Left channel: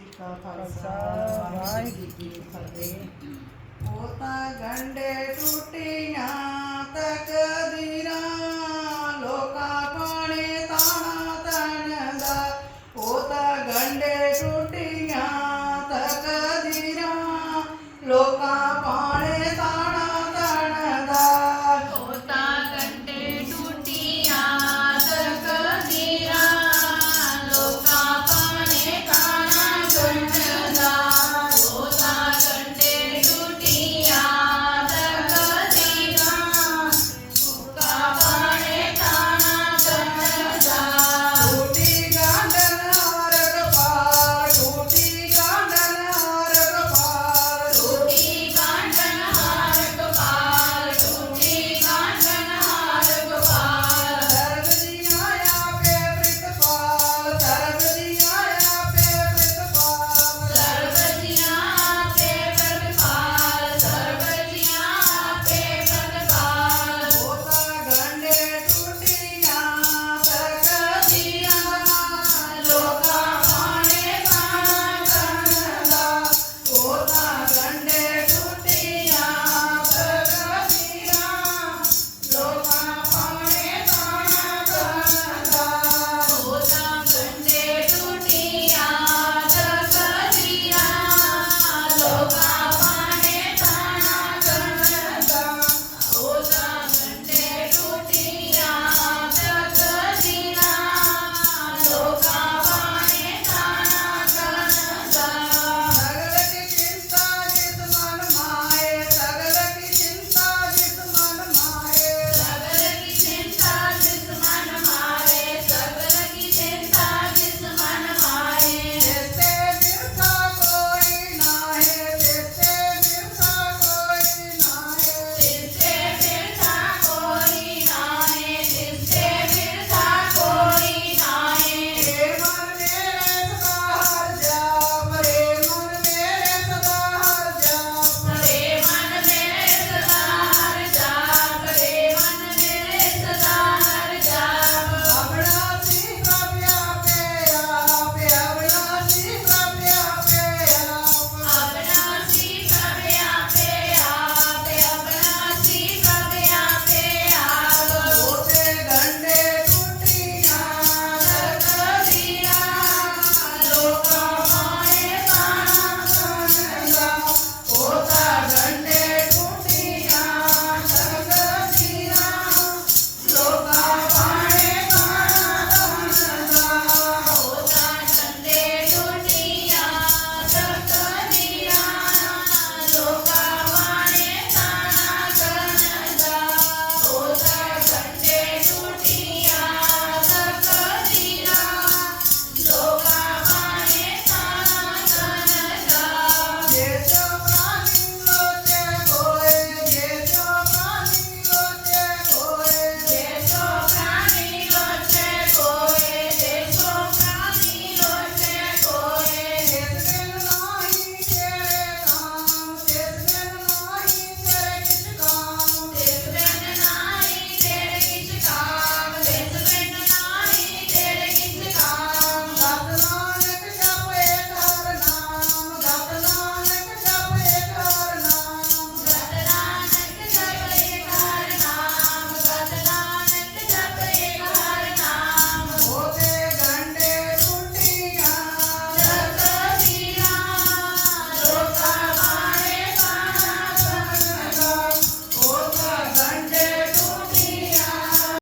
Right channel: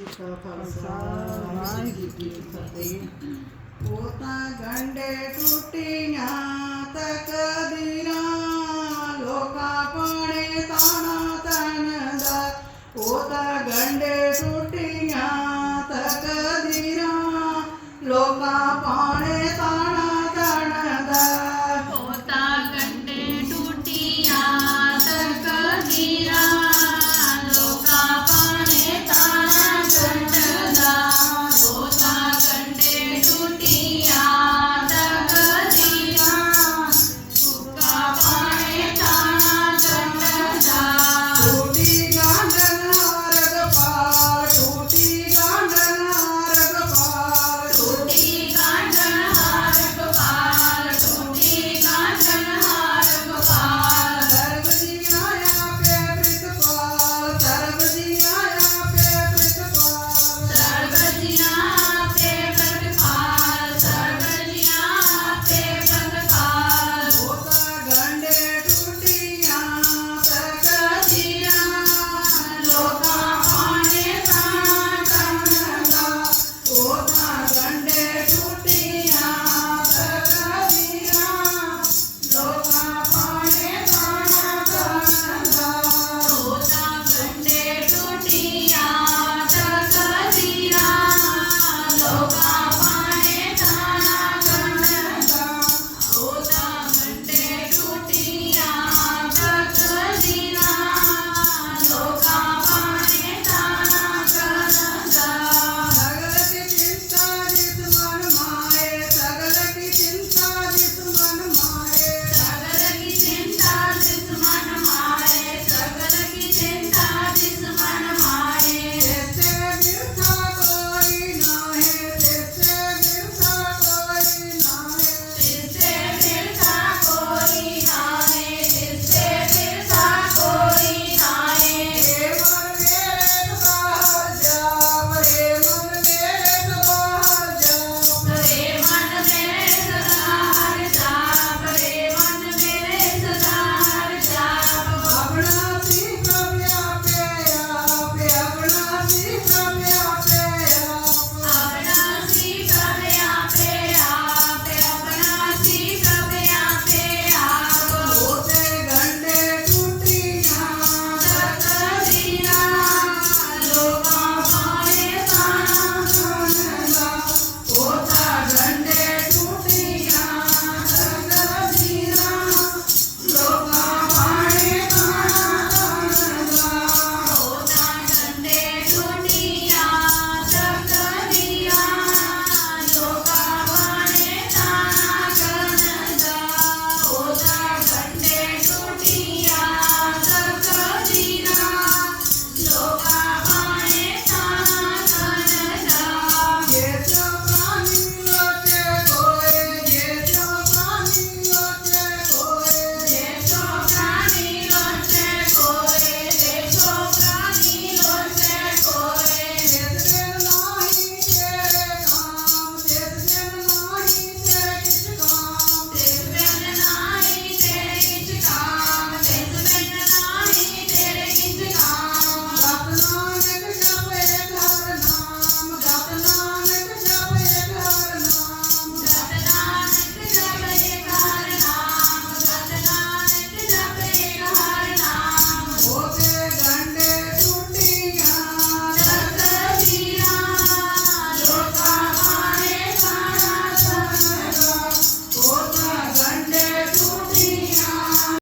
ਕਾ ਖਾਲਸਾ ਵਾਹਿਗੁਰੂ ਜੀ ਕੀ ਫਤਿਹ। ਉਹ ਤਾਂ ਗੰਡੇ ਟੁੱਟੀਆਂ ਤੱਕ